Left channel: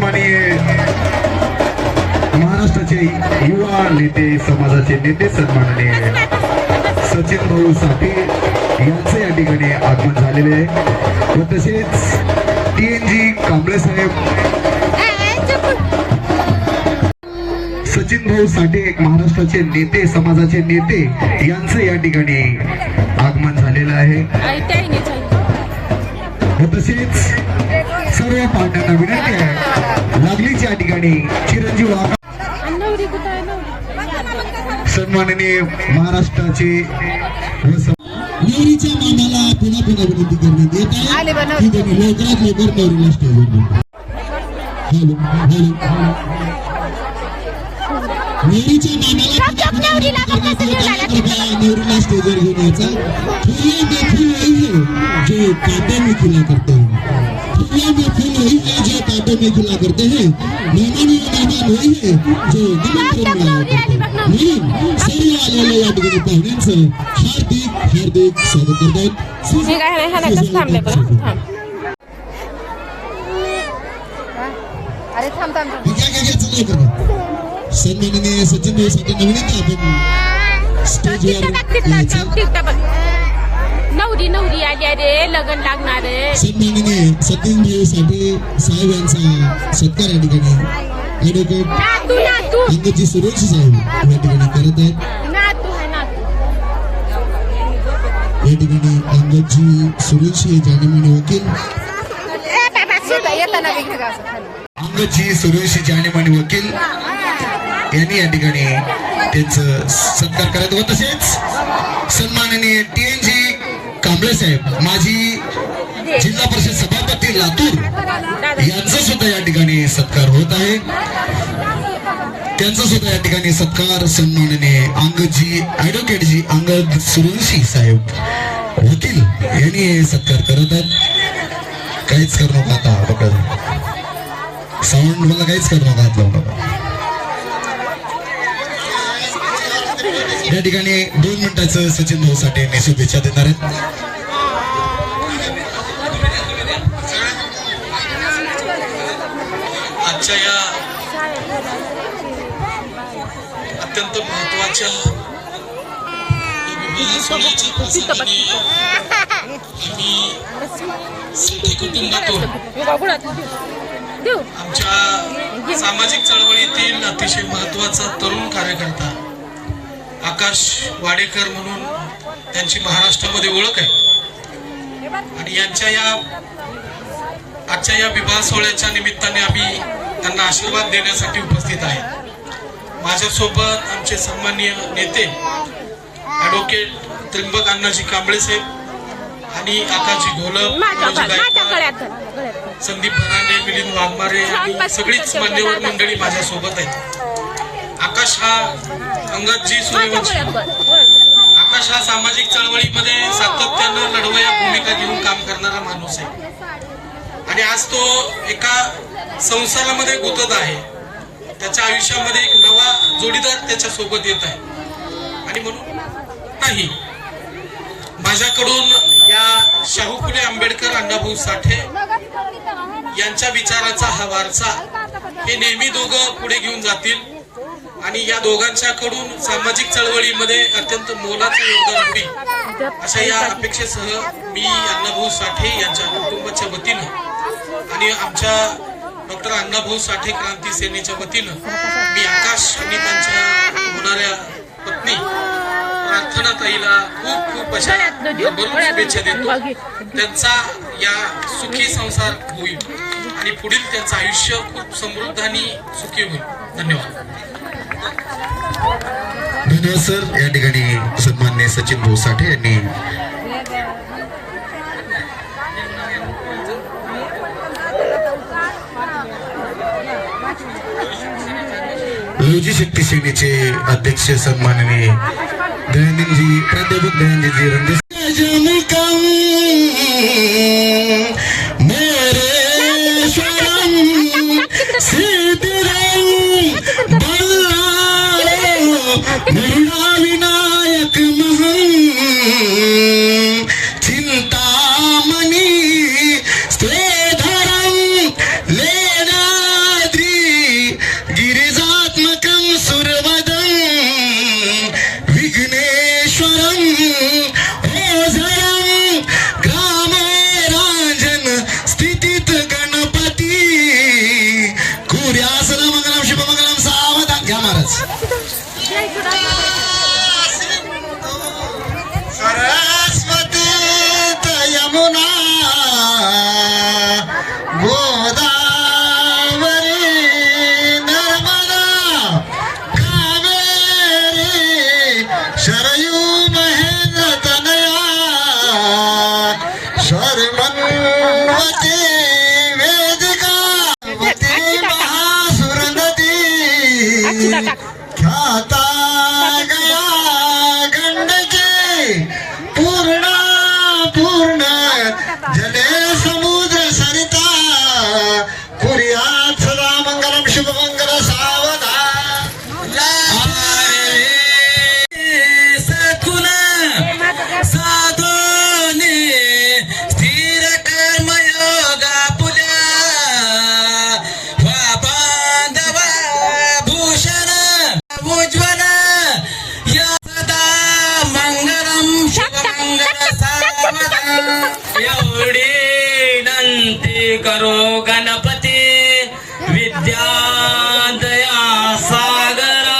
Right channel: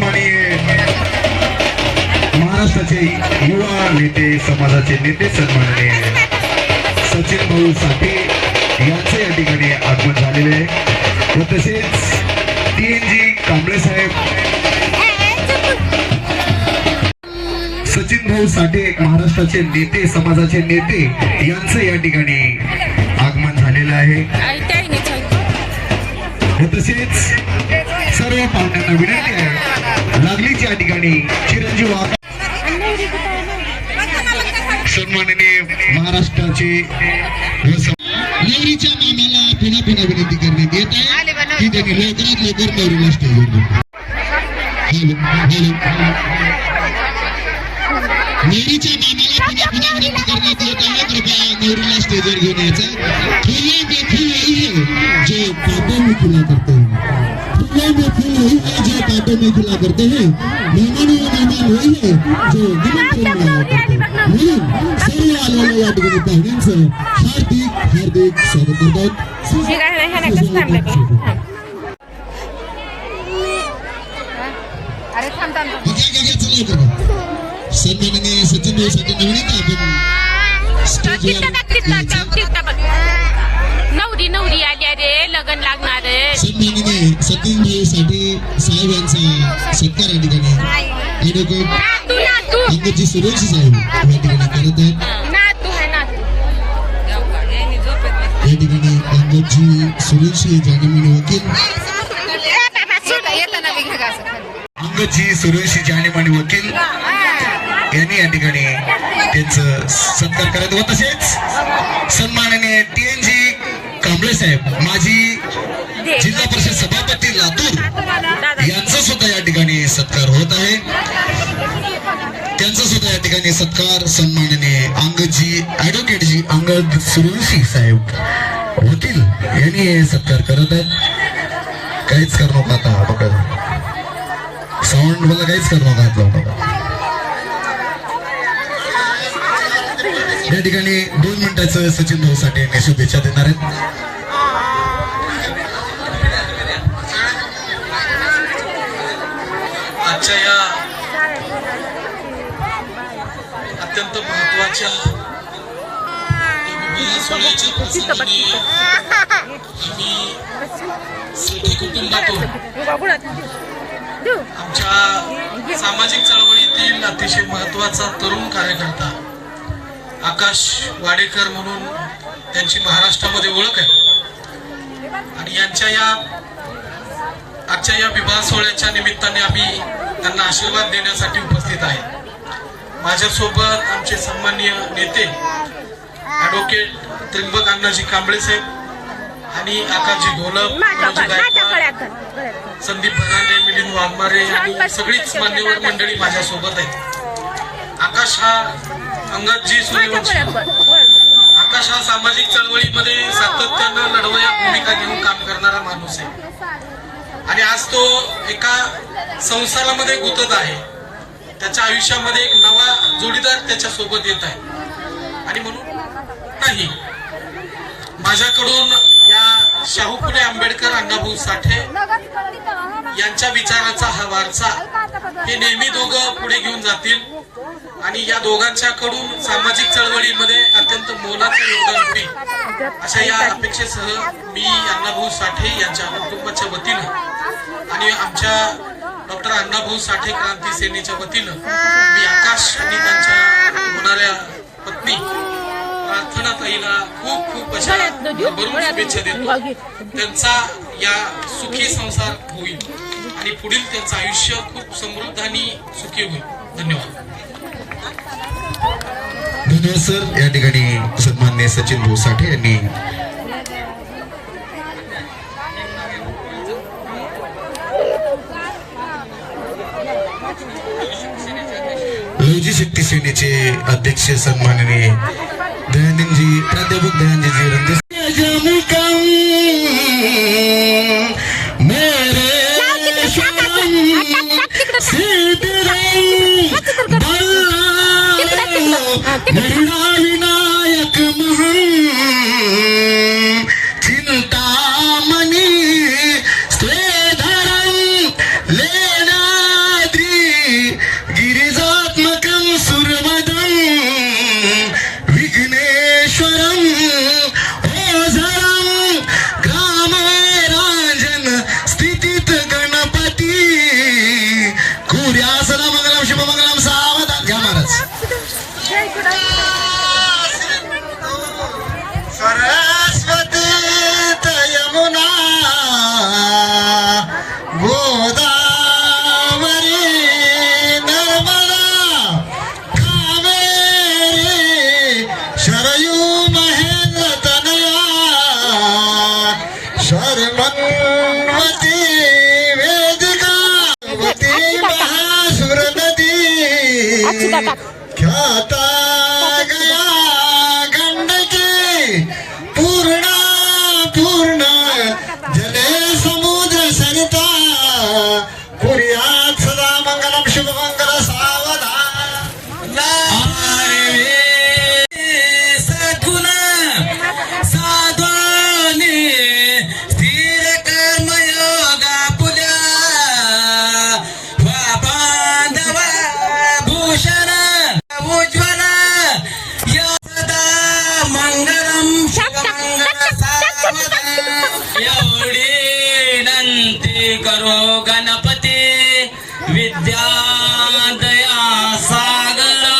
सन्माननीय महाराष्ट्राचे युवा नेते, समाजाचे नेते सन्माननीय सचिन भाऊ साठे यांचे या ठिकाणी आगमन झालेले आहे व तसेच TNG कांबळे साहेब, सचिन भाऊ साठे महाराष्ट्राचे नेते, समाजाचे नेते यांचे या ठिकाणी आगमन झालेलं आहे व तसेच सर्व पालकांना विनंती आहे लागलीच या ठिकाणी चिरंजीव सन्माननीय महाराष्ट्राचे नवरीच्या मामाला पुन्हा पुन्हा विनंती करण्यात येत आहे की त्यांनी लवकरात लवकर नवरीला स्टेजवर नवरीच्या मामाला पुन्हा पुन्हा विनंती करण्यात येत आहे कृपया नवरीला स्टेजवर घेऊन यायचा। फूलों में फूल वही है जो कांटों में खिला करते हैं, फूलों में फूल वही है जो कांटों में खिला करते हैं, मेहमान वही है जो निमंत्रण मिळाला करते हैं। म्हणून सर्व आलेल्या या ठिकाणी पाहुण्यांचं हार्दिक हार्दिक स्वागत करतात। सन्माननीय सचिन भाऊ साठे विनंती आपण स्टेजवर नवरी नवरी आल्या रे, लग्न लागणार आहे। सन्माननीय सचिन भाऊ साठे साहेब यांचा सत्कार या ठिकाणी ॲडव्होकेट अंगदजी सुरेश साहेब या ठिकाणी करत आहेत। या ठिकाणी अंगदजी सुरेश जानेमाने वकील, अंगदजी सुरेश जानेमाने वकील यांनी या ठिकाणी त्यांचं सत्कार करत व तसेच सन्माननीय TNG कांबळे साहेब, माजी जिल्हा परिषद सभापती लातूर यांचा सुद्धा या ठिकाणी सत्कार होत आहे। त्यांचा सुद्धा या ठिकाणी सत्कार सन्माननीय अंगदजी ॲडव्होकेटजी अंगद सुरवंशी साहेब वकील यांनी सत्कार करत आहेत। काहीच करू नका आता बघा, साऊंड मला काहीच करू नका, हात लावू नका। या ठिकाणी 2 मिनिटाचं सचिन भाऊ साठे यांनी शुभेच्छा देणार आहेत। आजच्या या अत्यंत महत्वाच्या सोहळ्याच्या प्रसंगी आम्ही साठे कुटुंबातून आमच्या सामाजिक चळवळीतील अतिशय महत्वाचा तरुण कार्यकर्ता आकाश वाडेकर म्हणून त्यांची महाराष्ट्रामध्ये ओळख आहे आणि यांच्या या आजच्या या विवाह सोहळ्याच्या निमित्ताने आम्ही त्यांना आशीर्वाद देण्यासाठी उपस्थित आहे। माझ्यासोबत आमचे सन्माननीय नेते ॲडव्होकेट त्र्यंबक अण्णाजी कांबळे साहेब आणि आकाशजी घोलप, संदीप भराणे, मिलिंद वाघमारे आणि सगळीच मान्यवर मंडळी माझ्यासोबत आहेत। आकाश हा अंगदजी सूर्यवंशी, आकाश हा सामाजिक चळवळीमध्ये सातत्यानं लढवया भूमिका घेऊन काम करणारा माणूस आहे आणि आज तो एका संसारामध्ये गुंतत आहे। त्याच्या आयुष्यामध्ये एक नवा जोडीदार त्याच्या सोबत येत आहे आणि म्हणून नाही, माझ्याकडून या शाहू फुले आंबेडकर अण्णाभाऊ साठे यांच्या विचाराचा हा वारसा हे नेहमी दोघं पुढे घेऊन जातील आणि या दोघांच्याकडून सामाजिक चळवळीमध्ये अत्यंत मोलाचं योगदान होईल अशा या अपेक्षेसह मी अण्णाभाऊ साठे यांच्या कुटुंबाच्या वतीनं आणि आमच्या डॉक्टर अण्णाभाऊ साठे क्रांती सेनेच्या वतीनं मी आकाश आणि त्यांच्या होणाऱ्या पत्नी प्रार्थना ताईला खूप खूप अशा शुभेच्छा देतो। त्यांचा या सुखी संसार होईल आणि पुढील त्यांचं आयुष्य खूप समृद्ध आणि सुखी होईल। धन्यवाद। धन्यवाद सर। या ठिकाणी सन्माननीय सचिन भाऊ साठे यांनी लवजी शक्ती सेनेचे अध्यक्ष सन्माननीय दयानंदजी प्राध्यापक दयानंदजी रंजन विनायक चिंतामणि स्वेधरम लेना सरस्वती यमुना गोदावरी नर्मदा कावेरी शरयू महेंद्रतनया शर्मन्वती वेदिका महासुर नदी ख्याता गया गंडकी पूर्ण जले समुद्र सरिता कुर्यात् सदा मंगलम शुभमंगल सावधान सकुल साधने स्थिर कर्मयोगा पुल्या बांधव भूषण उज्ज्वल या सदा मंगलम एवढी विनंती करो गणपती विद्यादया सागरा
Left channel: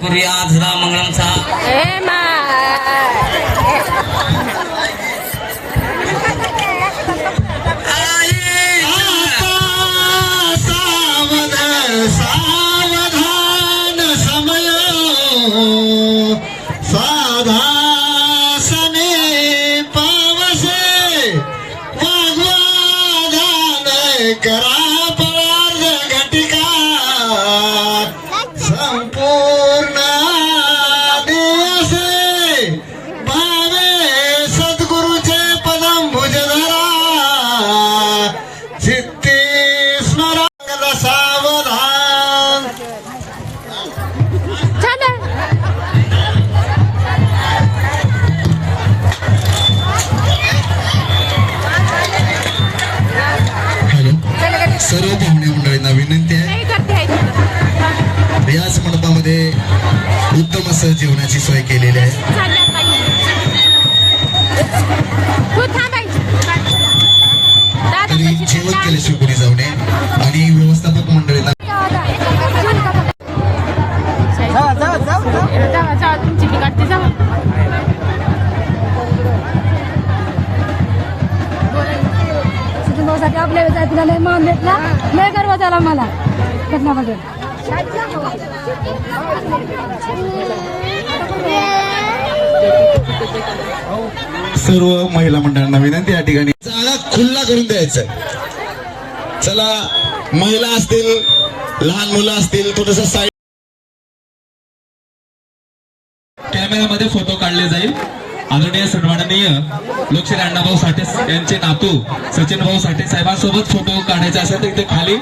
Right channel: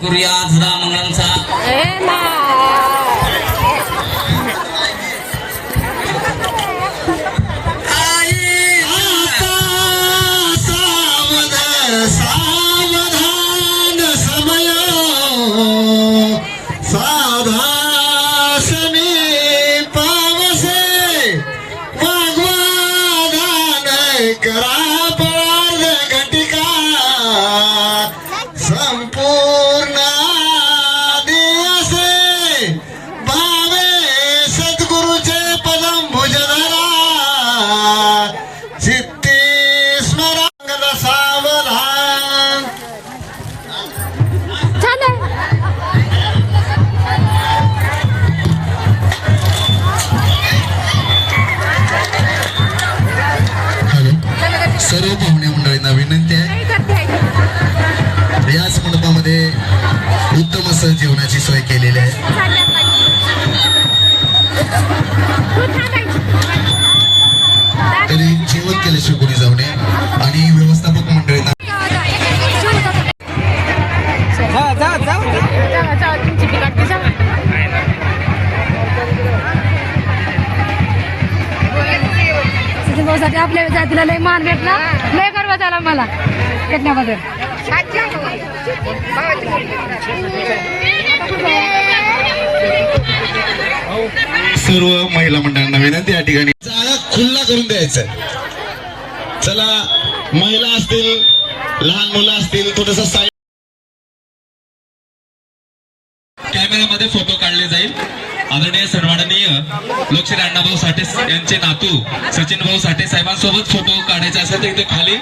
कुर्यात सदा मंगलमचा सावधान समय साधा समीपावसे वाग्वादान करा पार्द घटिका संपूर्ण दिवसे भावे सद्गुरुचे पदम भुजधरा सिद्धी स्मरण सावधान सर्व पाहुणे मंडळींना विनंती आहे याच मंडपामध्ये उत्तम असं जेवणाची सोय केलेली आहे तरी जेवण केल्याशिवाय कोणी जाऊ नये आणि व्यवस्थापक मंडळींना आपल्या जातीला लय मान भेटला लय गर्व झाला मला भेटण्याबद्दल सर्व महिला मंडळांना विनंती या ठिकाणी जागा खुल्ला करून द्यायचं चला महिला असतील लहान मुलं असतील थोडस साईड कॅमेऱ्यामध्ये फोटो काढले जाईल आदरणीय सन्माननीय लोकशाही अण्णाभाऊ साठे यांचे नातू सचिन भाऊ साठे साहेबांसोबत फोटो काढायचा असेल तर इथे खाली